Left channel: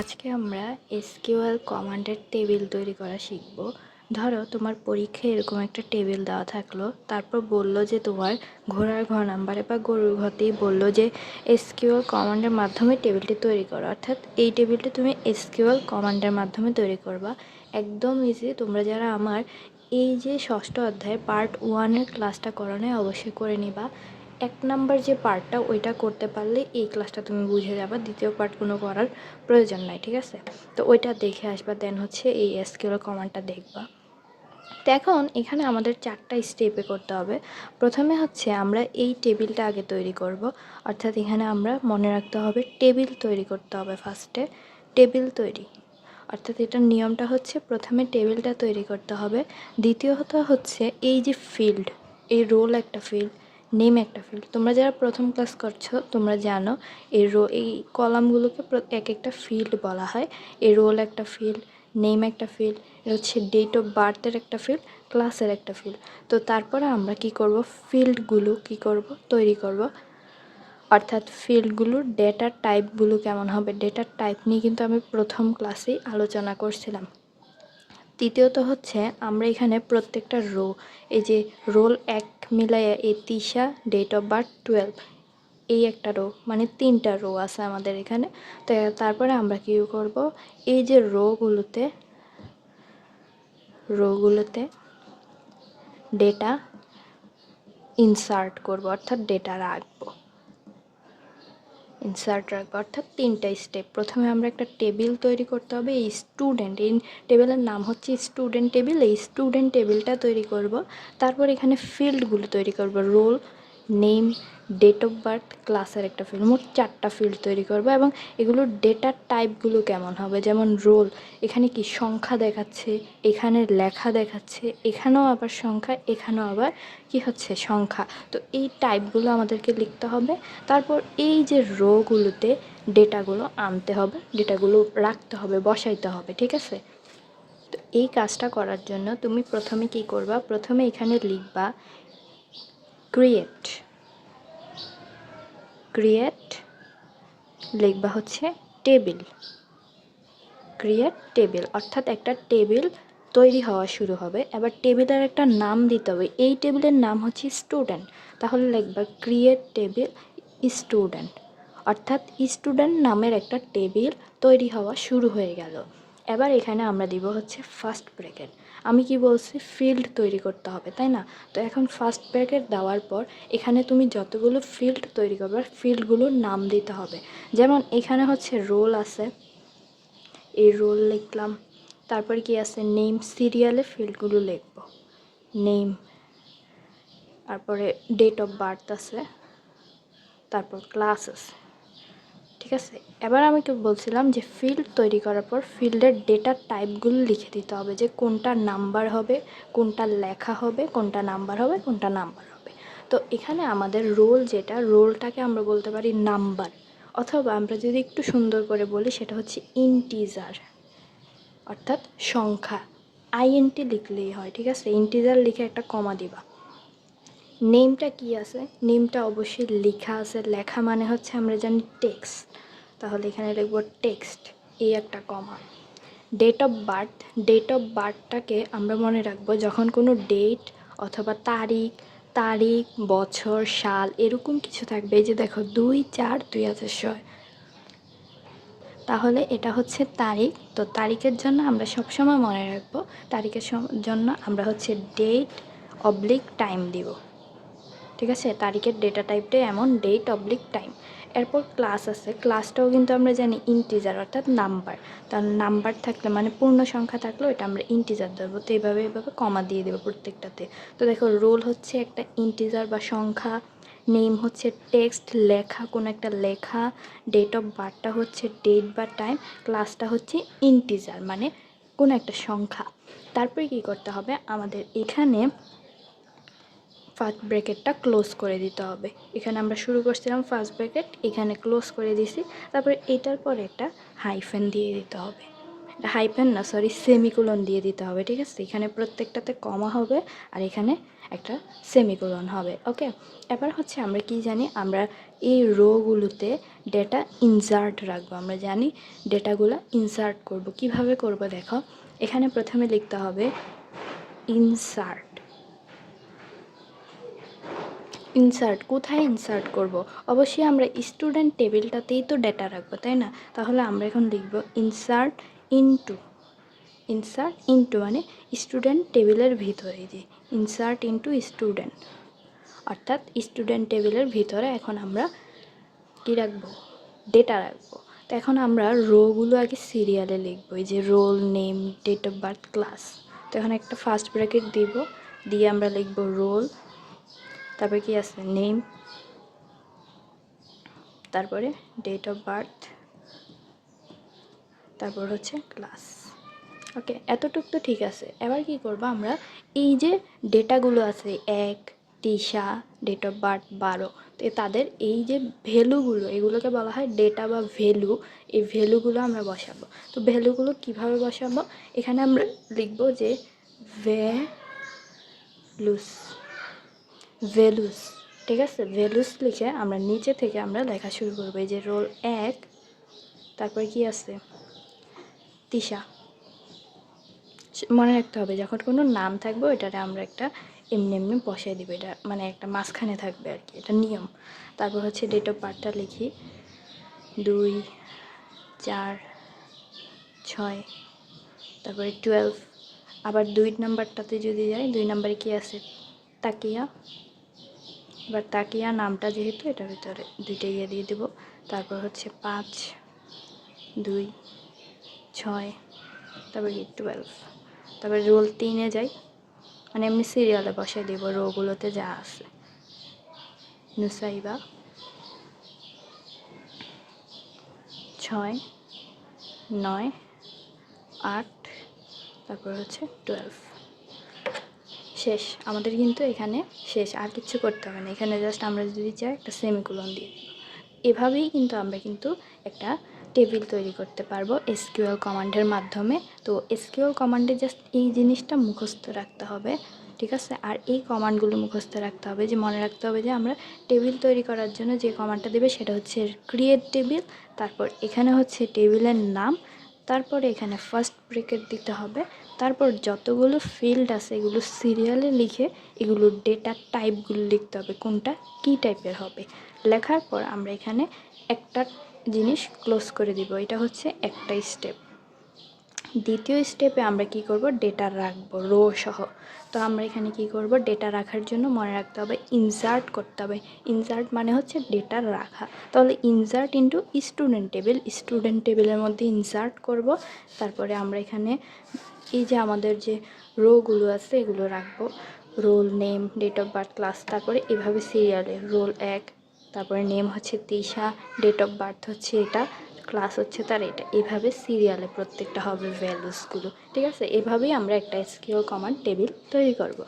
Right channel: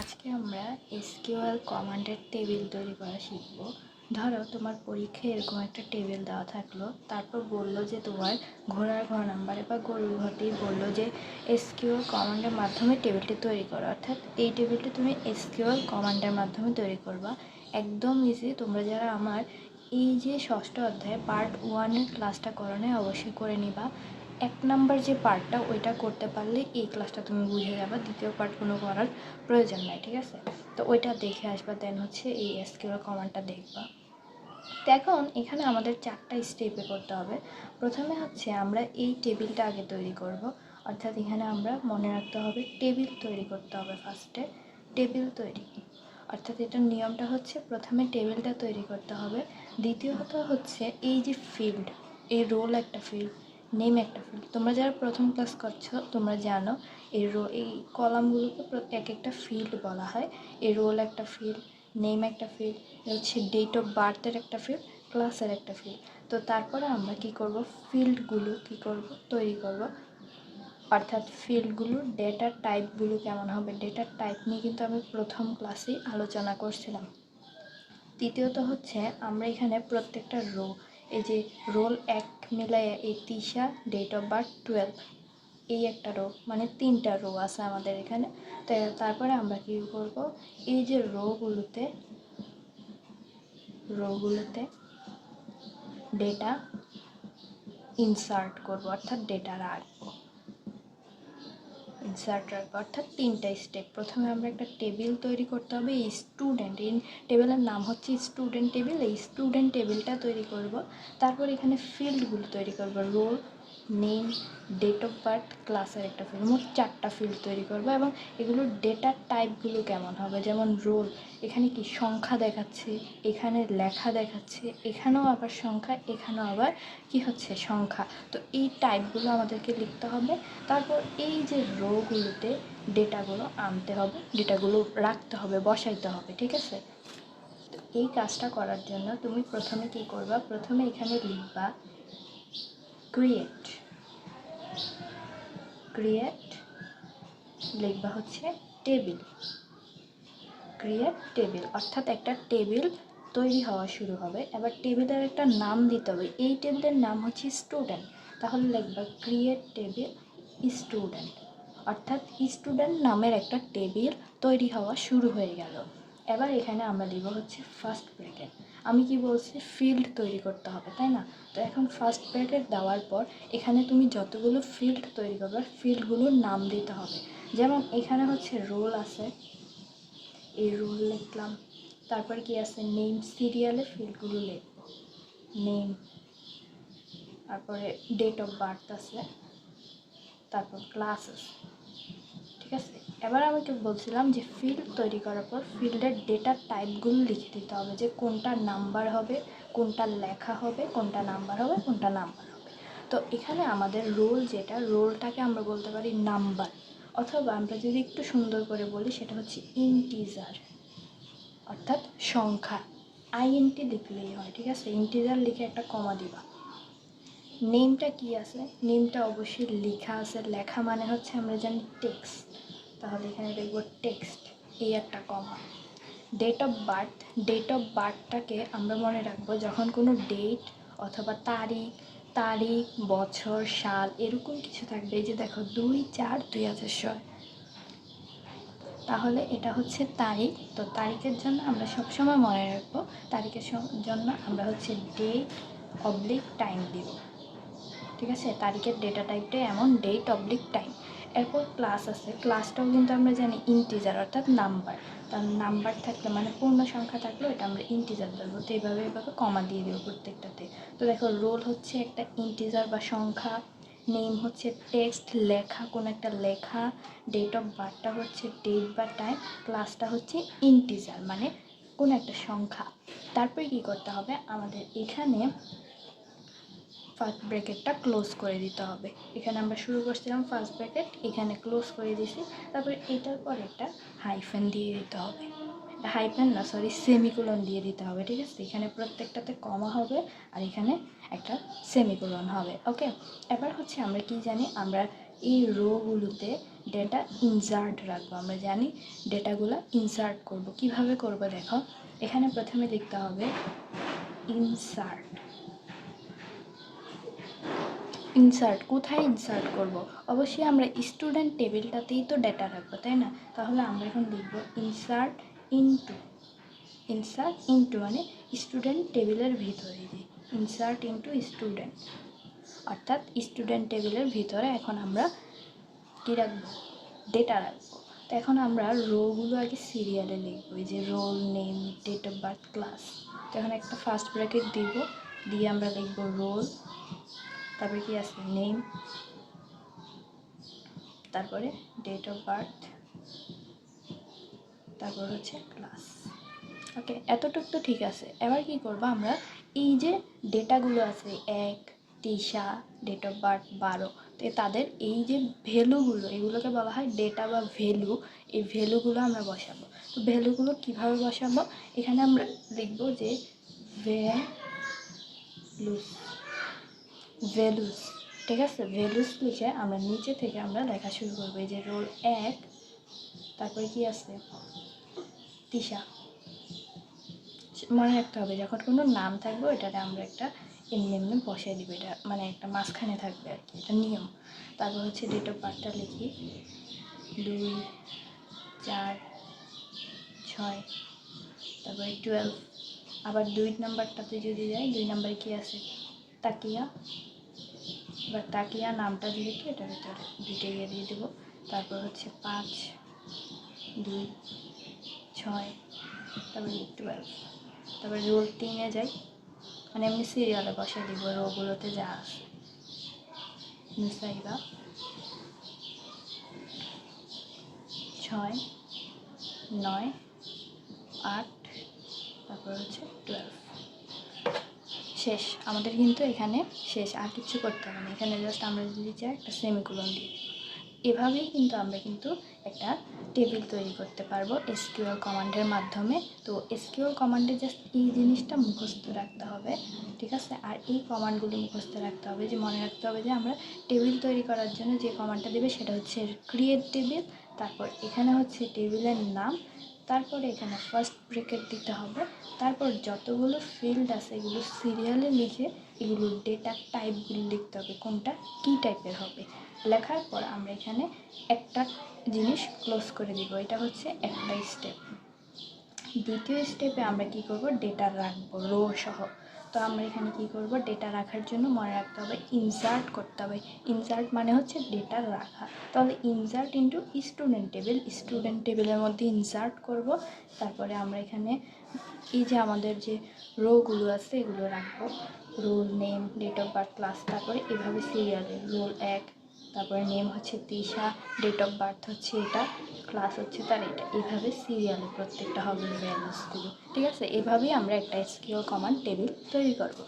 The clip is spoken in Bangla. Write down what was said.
আজকে আমরা এসকিউএল কমান্ডের টেবিল তৈরি করা শিখব। ধরো তোমার পরীক্ষায় এরকম একটা টেবিল দেওয়া থাকলো, তারপর বলল যে তোমার ঘোড়ার ঘর নাম্বারে বা গরুর ঘরতেই বললো যে এসকিউএল কমান্ডের মাধ্যমে টেবিলটি তৈরি করো, অর্থাৎ এই টেবিলটি তুমি এসকিউএল কমান্ডের মাধ্যমে তৈরি করবা। একদম ইজি। তোমরা যারা আমার এই যে ষষ্ঠ অধ্যায় পার্ট 1-এর ক্লাসটা করা নেই অবশ্যই করে নিবা। 1 নাম্বার যে পার্টটা ওইটা করতে পারলে এই ক্লাসটা তুমি বুঝে যাবা, দ্বিতীয় পার্ট কোনো করার প্রয়োজন নাই, ঠিক আছে? তো ওইটা দেখে আসবা, দেন হচ্ছে এই এসকিউএল কমান্ডটা দেখবা। তো এখন এখানে আমাদের 4টা স্টেপে করতে হবে। প্রথমে হচ্ছে আমরা এই টেবিলটা আগে তৈরি করব, অর্থাৎ এখানে আমরা মনে রাখতে হবে টেবিল তৈরি করতে হবে। ফার্স্টে টেবিল তৈরি, অর্থাৎ এটার নিয়মটা হচ্ছে প্রথমে টেবিলটা তৈরি করতে হবে। দ্বিতীয়ত হচ্ছে এই যে ফিল্ড, এই রোল একটা ফিল্ড, নেম একটা ফিল্ড। তোমরা যারা প্রথম ক্লাস করছো তোমরা জানো এই কলামগুলোকে এক একটা ফিল্ড বলা হয়। এই রোল একটা ফিল্ড, নেম একটা ফিল্ড, এটা হচ্ছে ডেট অফ বার্থের একটা ফিল্ড, ক্লাসের একটা ফিল্ড। তো তারপরে আমরা কি করব, ফিল্ডগুলো কি করব, তৈরি করব। অর্থাৎ ফিল্ডগুলোর ডেটার টাইপগুলো কেমন হবে, ডেটার টাইপ নিয়ে কিন্তু আমি প্রথম ক্লাসেই আলোচনা করছিলাম। তৃতীয়ত হচ্ছে আমরা এখানে প্রত্যেকটা রো, এই যে রোল 1 মিলাইয়া এই তিশা, ডেট অফ বার্থ 12, এই একটা রো, মানে 3টা রো আছে আমাদের এখানে। তো তারপরে আমরা কী করব, এই যে রোগুলোতে ডেটা ইনসার্ট করব, অর্থাৎ ডেটা রাখবো, অর্থাৎ 3টা স্টেপ। প্রথমে আমরা একটা টেবিল তৈরি করতে হবে। এই স্টুডেন্ট, এই টেবিলের নাম হচ্ছে স্টুডেন্ট টেবিল। এই স্টুডেন্ট টেবিলটা তৈরি করব। তারপর এখানে ফিল্ডগুলো তৈরি করব, roll, name, date of birth, ক্লাসের একটা ফিল্ড। মোট 4টা ফিল্ড তৈরি করব এবং এগুলোর ডেটার টাইপগুলো কেমন হবে, যেমন রোল, এখানে কি সংখ্যা দেখাচ্ছে, এখানে লেখা দেখাচ্ছে, এখানেও আবার সংখ্যা, এখানেও আবার কি হচ্ছে সংখ্যা। তো এই টাইপগুলো আমাদেরকে লিখতে হবে। তারপর এই যে রোগুলোতে ডেটাগুলো আনতে হবে, ডেটাগুলো রাখতে হবে, বসাইতে হবে, ঠিক আছে? তো এই কাজটা করার জন্য তুমি প্রথমে কি করবা, প্রথমে এখানে লিখবা ক্রিয়েট লিখবা হচ্ছে টেবিল, অর্থাৎ একটা টেবিল তৈরি হওয়া শুরু হবে। এবার টেবিলের একটা নাম দিতে হবে। এই টেবিলের নাম হচ্ছে স্টুডেন্ট, তাহলে লিখবা ক্রিয়েট টেবিল স্টুডেন্ট, অর্থাৎ স্টুডেন্ট নামের একটা টেবিল তৈরি হওয়া শুরু হয়ে গেল। এবার এখানে আমরা দিব হচ্ছে ফার্স্ট ব্র্যাকেট। আমি কি বলছি, ফিল্ড তৈরি করতে হবে, তাই না? তো এখন ফার্স্ট ব্র্যাকেট দেওয়ার পর এখানে তুমি যতগুলো ফিল্ড তৈরি করবে ফিল্ডগুলোর নাম দিতে হবে। যেমন এখানে হচ্ছে রোল আছে, এই রোল লিখলাম। তারপর কি আছে, নেম, সিরিয়ালে ফিল্ডগুলো লিখব, নেম। তারপরে ডেট অফ বার্থ আছে, তারপর ক্লাস আছে, ঠিক আছে? এবার আমি তো বলছিলাম যে ফিল্ড তৈরি করার পর ফিল্ডের ডেটার টাইপগুলো লিখে দিতে হবে, যে কোনটা নাম্বার হবে, কোনটা লেখা হবে, কোনটা নাম্বার হবে, কোনটা নাম্বার হবে। তো এখানে আমাদের রোল, যেটা রোলটাকে আমরা বলতে পারি নাম্বার, অথবা আমরা যদি একটু সুন্দর করে বলি সেটা হচ্ছে ইন্টিজার, অর্থাৎ সংখ্যা। আইএনটি লিখলেই হয়, ঠিক আছে? ইন্টিজার লিখে একটা কমা দিবা। নেমটা কি আছে, নেমটা অবশ্যই লেখা আছে। লেখা মানে হচ্ছে আমরা জানি টেক্সট, তাহলে এখানে লিখব টেক্সট, এই একটা কমা। ডেট অফ বার্থটাকে আমরা মনে রাখবো যখন কোনো ডেট অথবা তারিখ, বছর, সাল এরকম কিছু থাকবে। এই যে দেখো 2/4/2006, তাহলে এটা হচ্ছে তারিখ। তো তারিখের জন্য আমরা সবসময় মনে রাখবো, তারিখের জন্য আমরা হচ্ছে ডেট/টাইম দিব, ঠিক আছে? তারিখের ডেটা টাইপটাই এমন, ডেট/টাইম। এরপর ক্লাস আছে, ক্লাসটাও কিন্তু আমরা জানি ইন্টিজার, অর্থাৎ নাম্বার। তার নাম্বার থাকলে মানে পূর্ণ সংখ্যা থাকলেও এটা আমরা ইন্টিজার দেবো। তো এইভাবে কমা দিয়ে দেবো প্রত্যেকটাতে। তো দেখো রোল হচ্ছে একটা ইন্টিজার বা সংখ্যা, নেম হচ্ছে টেক্সট, লেখা, কোনো একটা লেখা, ডেট অফ বার্থটা হচ্ছে ডেট বা টাইম, ক্লাসটা হচ্ছে ইন্টিজার মানে কোনো একটা সংখ্যা। তারপরে কি করতে হবে, আমাদের এখানে ফার্স্ট ব্র্যাকেটটা ক্লোজ করে দিতে হবে। এখানে আমরা শুরু করছিলাম ফার্স্ট ব্র্যাকেট, এখানে ক্লোজ করে দিছি। তারপরে এটার পরে একটা হাইফেন দিয়ে দিতে হবে, সেমিকোলন দিয়ে দিতে হবে, ঠিক আছে? এখানে প্রত্যেকটাতে কমা হবে আর এখানে একটা সেমিকোলন হবে, ওকে? এবার হচ্ছে আমরা কি জানি, আমরা এই রোগুলোতে ডেটা ইনসার্ট রাখবো। আমরা জানি ডেটাগুলো ইনসার্ট করব। কিভাবে করব দেখো, এখানে প্রথমে লিখতে হবে ইনসার্ট। ইনসার্ট কোথায় ইনসার্ট করব? অবশ্যই আমরা স্টুডেন্ট টেবিলটাতেই তো ডেটা রাখবো, তাই না? তাহলে আমরা এখন লিখব ইনসার্ট ইনটু। ইনসার্ট ইনটু মানে স্টুডেন্ট টেবিলের ভিতরে, যে ইনসার্ট ইনটু স্টুডেন্ট, অর্থাৎ স্টুডেন্ট টেবিলের ভিতরে এখন আমরা কী রাখবো? ডেটা রাখবো। তো এখন আমরা রোগুলো আগে সিরিয়ালে লিখবো, এই যে roll, name, date of birth, class. তো এখন একটা ফার্স্ট ব্র্যাকেট দিব, দিয়ে আমরা লিখবো রোল, তারপরে কি আছে নেম, তারপরে ডেট অফ বার্থ, তারপর হচ্ছে ক্লাস। ওকে, এতটুকু তো ঠিক আছে। এবার কি করব, আমরা এই যে ডেটাগুলো আছে 1, তিশা, ডেট অফ বার্থ 12, তো তাদের এই যে ভ্যালুগুলো, এগুলোকে বলা হয় ডেটা বা ভ্যালু। এই ভ্যালুগুলো আমরা বসাবো। তো ভ্যালুগুলো কিভাবে বসাবো? এখানে আমরা লিখব যে ভ্যালুস, ভ্যালুস, ঠিক আছে? ভ্যালুস লিখে আমরা নিচে থেকে আমরা লেখা শুরু করবো, এই যে রোল 1, তারপরে কি আছে তিশা। মনে রাখতে হবে যখন কোনো নাম থাকবে ওইটাতে আমরা একটা এমনি এমনি বসাই দিব, এটা মানে একটা মাঝখানে থাকবে আর কি, এটা নিয়ম। তারপর হচ্ছে ডেট অফ বার্থটা লিখি 2, 4, 6, তারপরে 12। আবার 2 নাম্বারটাতে যদি যাই, 2 নাম্বারে কি আছে তাকিয়া। এবার তাকিয়া নামটা যেহেতু এটার ভিতরে 2টা ইয়ে দিয়ে দেবো। তারপর হচ্ছে 5, 2, 6, তারপরে 12। তারপরে রোল 3-এ যাই, মানে এমনি সিরিয়ালে বসাই দিব রোগুলোতে যা আছে। নুসাইবা 6, 9, 8, তারপর হচ্ছে 12। শেষ, আমাদের কিন্তু এখানে শেষ, আর কিছু করতে হবে না। এখানে জাস্ট আমরা যদি চাই একটা সেমিকোলন দিই। এভাবেই কিন্তু আমরা কিন্তু একটা টেবিল তৈরি করতে পারবো এসকিউএল কমান্ডের মাধ্যমে। তো এসকিউএল কমান্ডে জাস্ট এই জিনিসটা মুখস্থ রাখতে হবে, ঠিক আছে? আর এই কমান্ডগুলো মুখস্থ রাখতে হবে, যে মনে রাখতে হবে যে আমরা টেবিল তৈরি করার জন্য যে কমান্ডটা দেবে সেটা হচ্ছে ক্রিয়েট টেবিল। তারপর এখানে হচ্ছে টেবিলের নাম, তারপরে এখানে ফার্স্ট ব্র্যাকেট দিতে হবে। তারপর যতগুলো ফিল্ড আছে এগুলো সিরিয়ালে লিখে এগুলোর ডেটা টাইপগুলো লিখতে হবে, কোনটা কী টাইপের হবে। লেখার পর আমরা এখানে একটা জিনিস ক্লোজ করে দিব, এটা হচ্ছে একটা স্টেপ। দ্বিতীয় স্টেপে আমরা কি করব, ডেটা রাখবো রো সহ। তো আমরা এখানে কি করব, ডেটা রাখার জন্য মনে রাখতে হবে ইনসার্ট করতে হবে। ইনসার্ট মানে হচ্ছে ডেটা রাখা। তাহলে insert into student table, student টেবিলের মধ্যে ইনসার্ট করব। তারপরে আমরা এখানে এই যে আমাদের যে রোগুলো আছে এগুলো রাখবো, roll, name, date of birth, class. তারপরে এভাবে সিরিয়ালে রোল 1, তারপরে নেম হচ্ছে তিশা, ডেট অফ বার্থ হচ্ছে এটা, ক্লাস হচ্ছে তার এটা। এভাবে সিরিয়ালে প্রত্যেকটা হবে ভ্যালুসগুলো, ঠিক আছে? এভাবেই আমরা একটা এসকিউএল কমান্ড টেবিল তৈরি করব।